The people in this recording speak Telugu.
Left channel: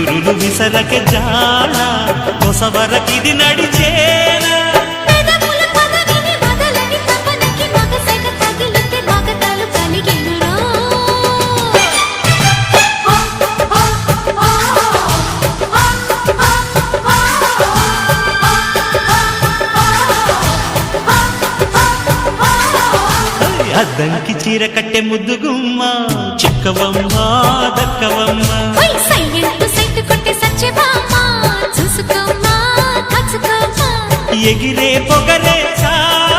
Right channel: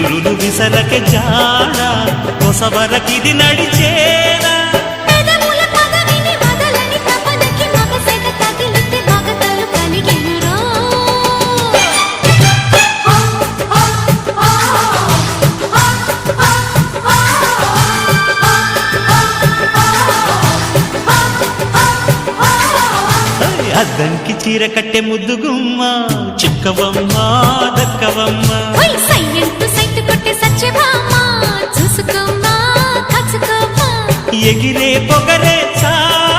విసురులు విసరకే జాడ కొసవరకిది నడిచేనా అద్దంకి చీర కట్టె ముద్దుగుమ్మ చిక్కవమ్మ దక్కవమ్మ సైట్ కొట్టే సత్యభామా చూసుకోమ్మా కాచుకోమ్మా ఎగిరే పొగరే చాలు